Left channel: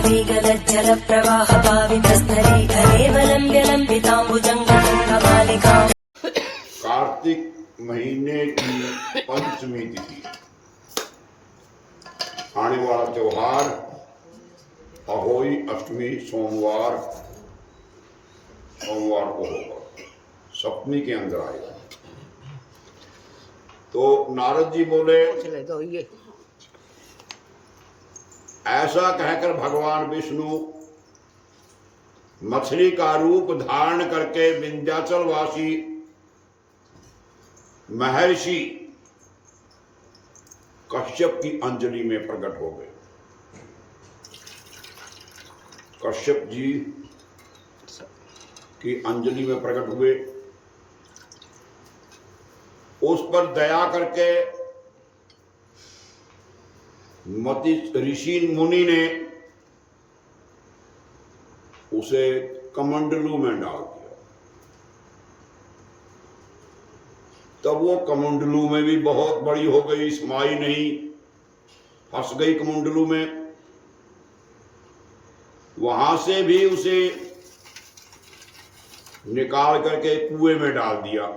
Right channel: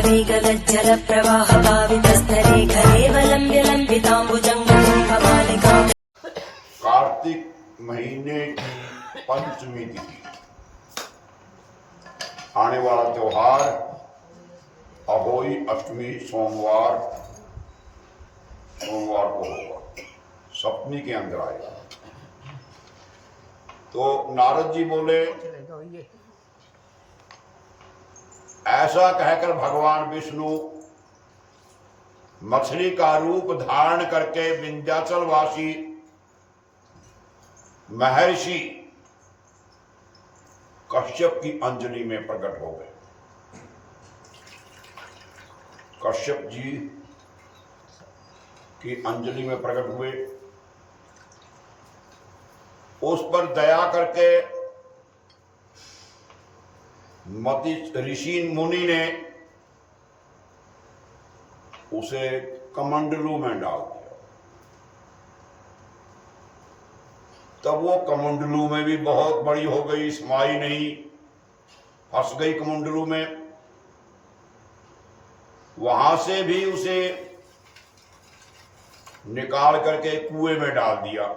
वेगलज्जलप्रवाहपावितस्थले घरेवलम्ब्य लम्बिताम्बुजङ्गमालिका। कार्तिक महीने की पंचमी तिथि आने वाला त्योहार अहोई अष्टमी सोमवार को होगा, सप्तमी के अंदर आएगा। तो नारद जी बोले, ऐसा कहकर भगवान विष्णु मछली का रूप धारण करके विंध्याचल वासी महर्षि कश्यप की अंजलि में प्रकट हो गए। कश्यप जी की अंजलि में प्रकट हुए। उस पर दया करके मति ऋषि मुनि ने उसे कमंडलू में डाल दिया। तब वो कमंडलू में भी बहुत बड़ी हो गई, समाई नहीं, फंस गई कमंडलू में। वहां से भी उसे निकाल करके कुएं में डाल दिया।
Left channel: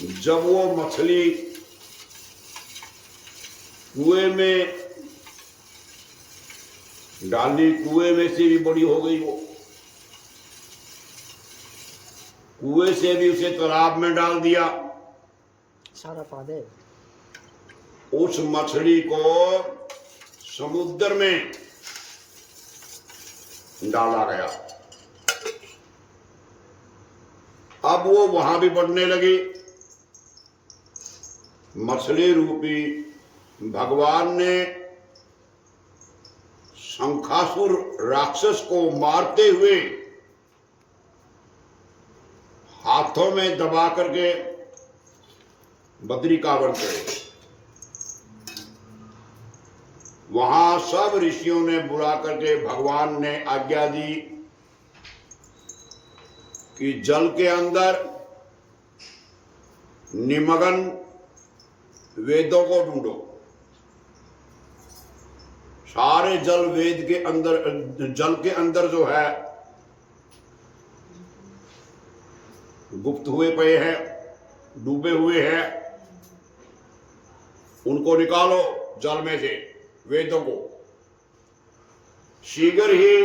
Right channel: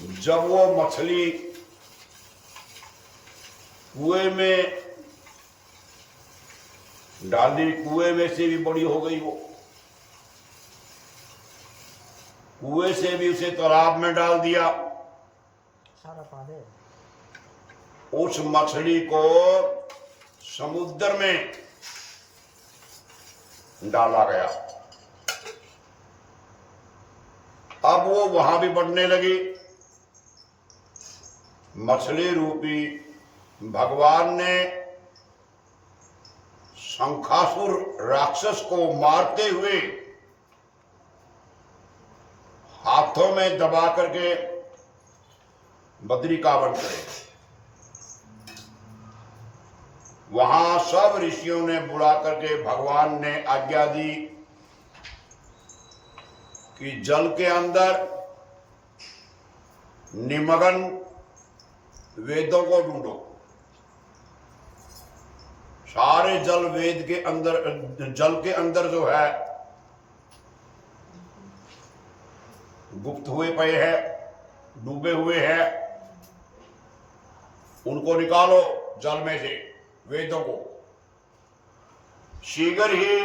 जब वो मछली कुएं में डाली, कुएं में से भी बड़ी हो गई। वो कुएं से भी उसे तालाब में डाल दिया। सारा पादे उस मछली को समुद्र में डाला गया। अब वो वहां भी बढ़ने लगी। मछली रूपी भगवान ने शंखासुर राक्षस को मारते हुए हाथों में दबा करके बद्रिकावन करे। वहां सब ऋषियों ने बुला करके भगवान ने आज्ञा दी कि जल के अंदर निमग्न वेदों को ढूंढो। सारे जल वेद के अंदर, जल के अंदर जो है गुप्त हुए पए हैं, डूबे हुए हैं, उनको निकालो जल में से, वेदों को। शीघ्र ही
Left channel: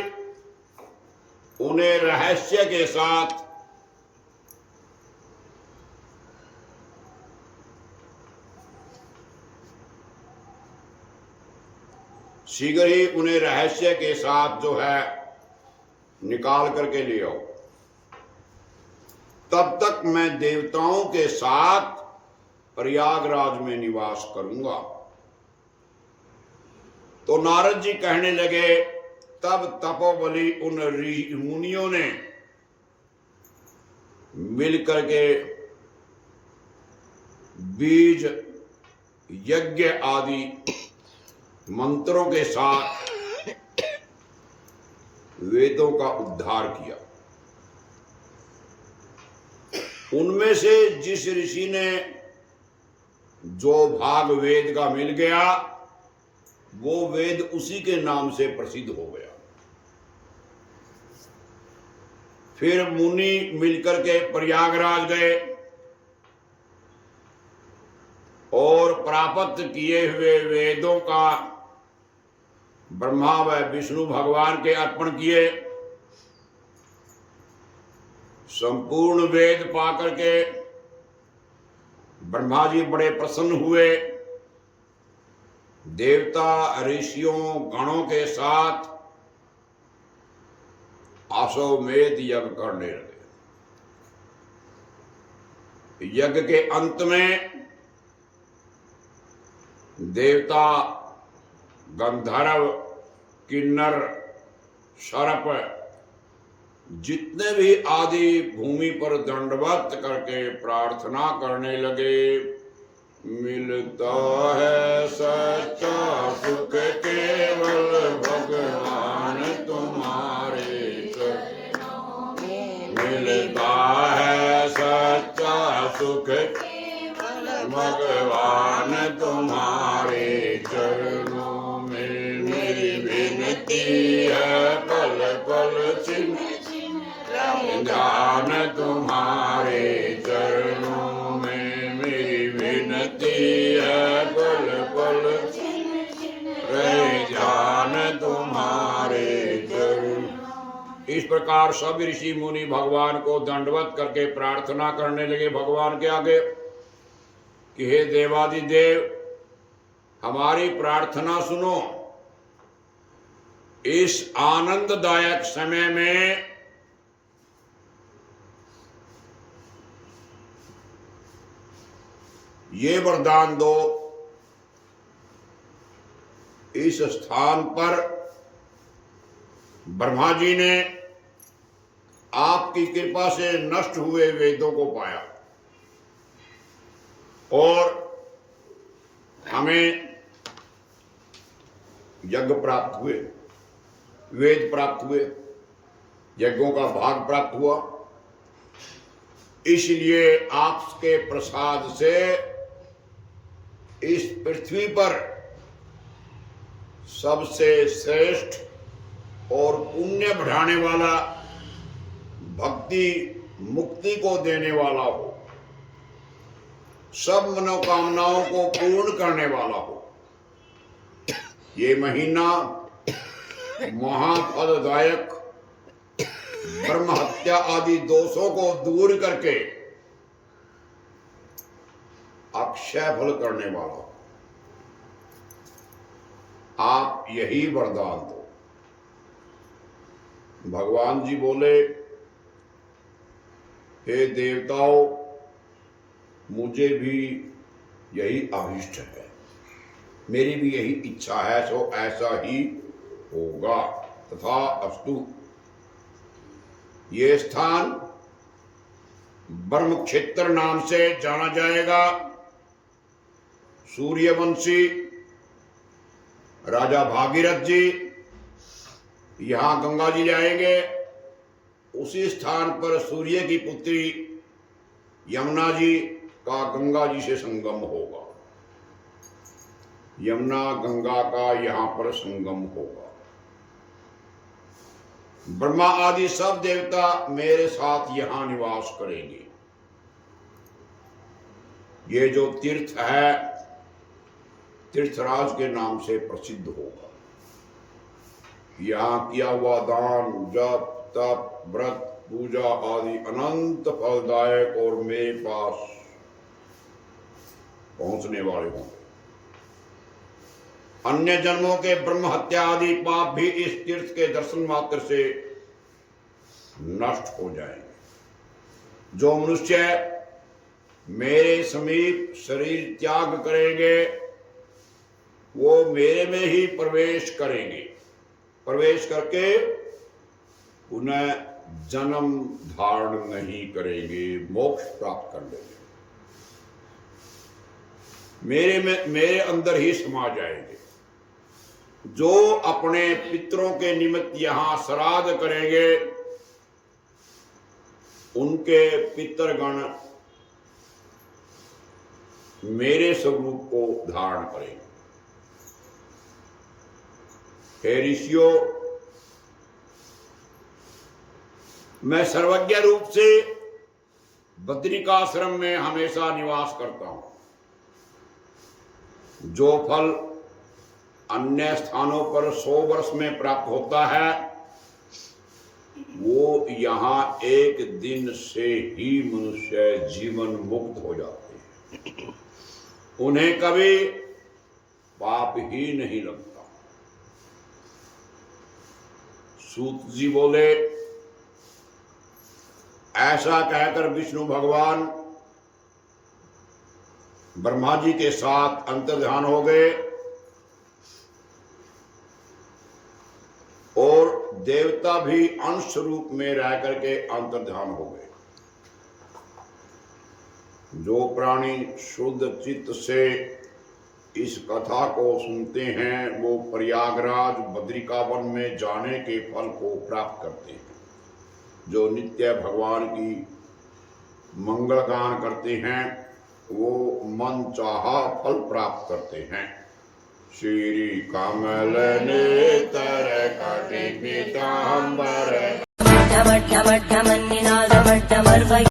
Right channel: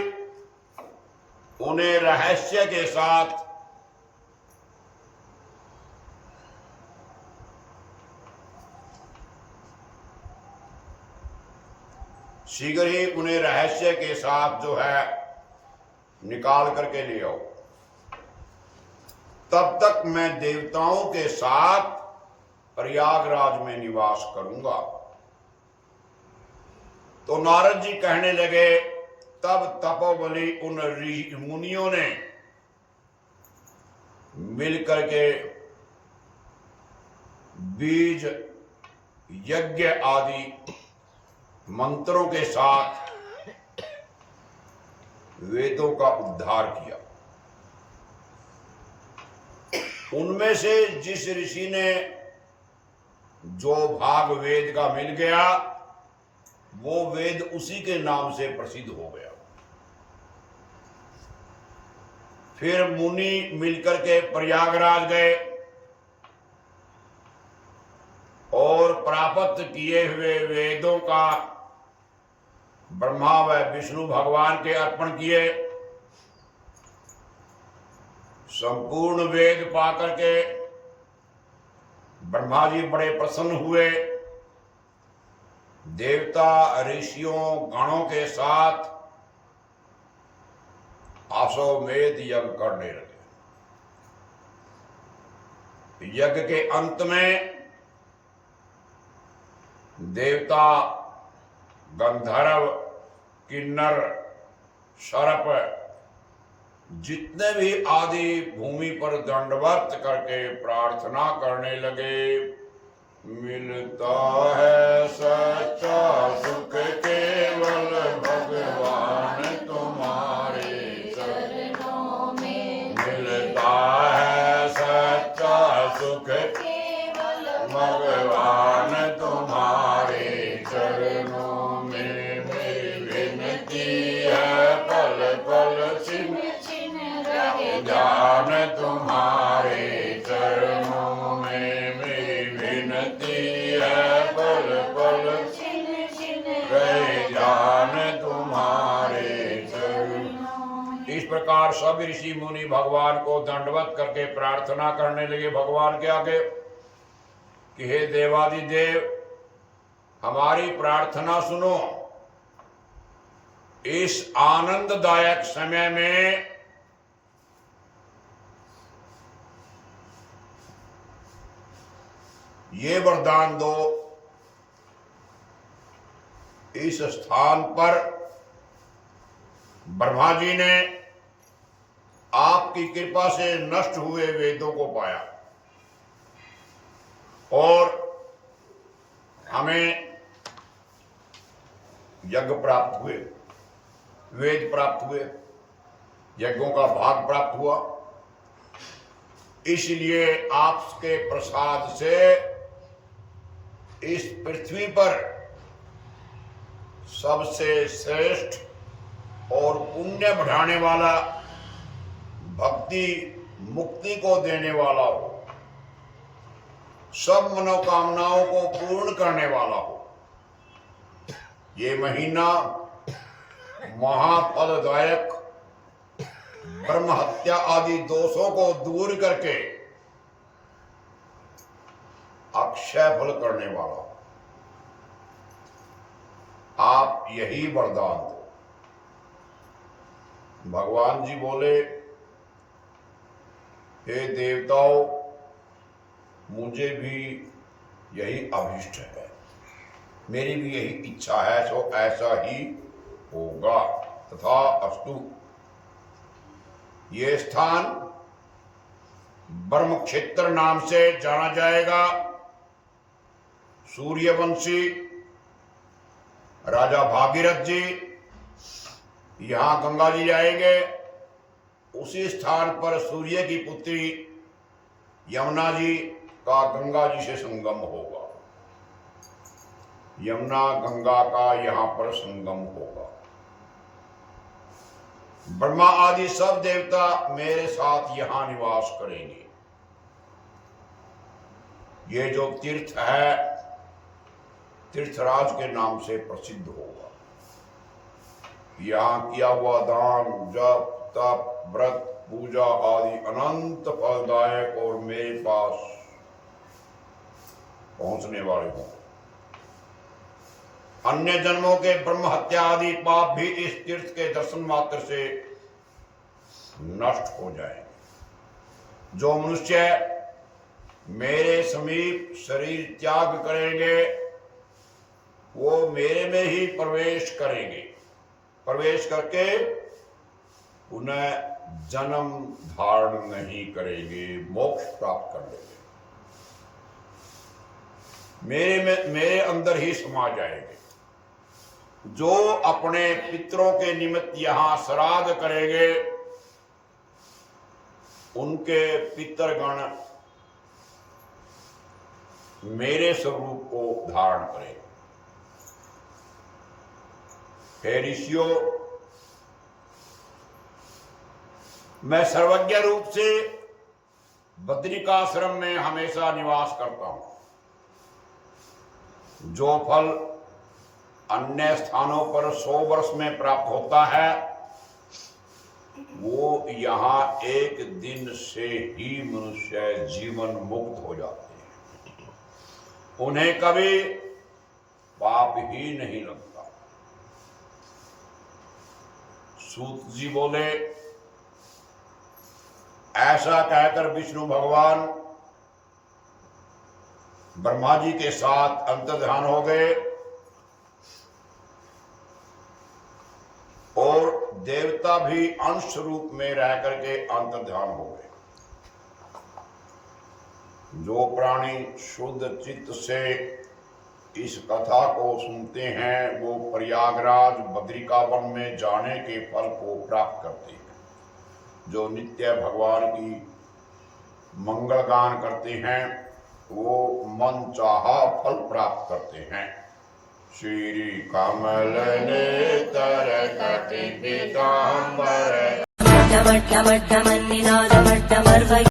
उन्हें रहस्य के साथ जो है निकाल करके ले आओ। तब तक मैं देवताओं के साथ प्रयागराज में निवास करूंगा। तो नारद जी कहने लगे, तब तपोबली उन मुनियों ने मिलकर के बीज यज्ञ आदि मंत्रों के साथ वेदों का उद्धार किया। उनमें से जिस ऋषि ने जो भाग वेद का मिल गया, वो वेद उसी के नाम से प्रसिद्ध हो गया। फिर मुनि मिलकर के प्रयागराज गए और प्राप्त किए हुए वेदों का ब्रह्मा व विष्णु भगवान के अर्पण किए। संपूर्ण वेद पाकर के ब्रह्मा जी बड़े प्रसन्न हुए। देवता ऋषियों गणों के साथ अश्वमेध यज्ञ करने लगे। यज्ञ के अंत में देवता, गंधर्व, किन्नर, सर्प जितने भी आदि भूमि पर दंडवत करके प्रार्थना करने लगे, मिलता है सच्चा सुख केवल भगवान तुम्हारे चरणों में। मिलता है सच्चा सुख केवल भगवान तुम्हारे चरणों में मेरी विनती है, पल पल छिन ध्यान तुम्हारे चरणों में मेरी विनती है, पल पल रहे ध्यान तुम्हारे चरण। इस प्रकार सब ऋषि मुनि भगवान को दंडवत करके प्रार्थना करने लगे भगवान के आगे कि हे देवादिदेव, हमारी प्रार्थना सुनो। इस आनंददायक समय में ये वरदान दो, इस स्थान पर ब्रह्मा जी ने आपकी कृपा से नष्ट हुए वेदों को पाया और हमें यज्ञ प्राप्त हुए, वेद प्राप्त हुए, यज्ञों का भाग प्राप्त हुआ। इसलिए आपके प्रसाद से इस पृथ्वी पर सबसे श्रेष्ठ और पुण्य बढ़ाने वाला, भक्ति मुक्ति को देने वाला हो, सब मनोकामनाओं को पूर्ण करने वाला हो। ये महीना महाफलदायक, ब्रह्म हत्या आदि दोषों को दूर करके अक्षय फल करने वाला हो। आप यही वरदान दो। भगवान जी बोले, हे देवताओं, मुझे भी यही अभीष्ट है, मेरी भी यही इच्छा है, सो ऐसा ही होगा। तथा अस्तु। ये स्थान ब्रह्म क्षेत्र नाम से जाना जाएगा। सूर्यवंशी राजा भागीरथ जी यहां गंगा जी जाएंगे। उसी स्थान पर सूर्य की पुत्री यमुना जी का गंगा जी से संगम होगा। यमुना गंगा का यहां पर संगम होगा। ब्रह्मा आदि सब देवता मेरे साथ यहां निवास करेंगे। ये जो तीर्थ है तीर्थराज के नाम से प्रसिद्ध होगा। यहाँ किया हुआ दान, जप, तप, व्रत, पूजा आदि अनंत फलदायक और मेरे पास पहुंचने वाले होंगे। अन्य जन्मों के ब्रह्म हत्या आदि पाप भी इस तीर्थ के दर्शन मात्र से नष्ट हो जाएंगे। जो मनुष्य मेरे समीप शरीर त्याग करेंगे वो मेरे में ही प्रवेश करेंगे। प्रवेश करके पुनः जन्म धारण नहीं करेंगे, मोक्ष प्राप्त कर लेंगे। मेरे अंदर ही समा जाएंगे। जो अपने पितरों के निमित्त यहां श्राद्ध करेंगे उनके पितरगण मेरे स्वरूप को धारण करेंगे। हे ऋषियों, मैं सर्वज्ञ रूप से बद्रिकाश्रम में हमेशा निवास करता हूं। जो फल अन्य स्थानों पर 100 वर्ष में प्राप्त होता है वो यहाँ एक दिन से ही मनुष्य जीवन मुक्त हो जाते हैं। उन्हें कभी पाप ही नहीं लगता। सूत जी बोले, ऐसा कहकर विष्णु भगवान ब्रह्मा जी के साथ अंतर्ध्यान हो गए और देवता भी अंश रूप में रह करके अंतर्ध्यान हो गए। जो प्राणी शुद्ध चित्त से इस कथा को सुनते हैं वो प्रयागराज बद्रिकावन में जाने के फल को प्राप्त करते हैं। जो नित्य भगवान की मंगल गान करते हैं वो मन चाहा फल प्राप्त करते हैं। श्री कमल नेतर कटि पीताम्बर डमड्डमड्डमन्निनादमड्डमर्वै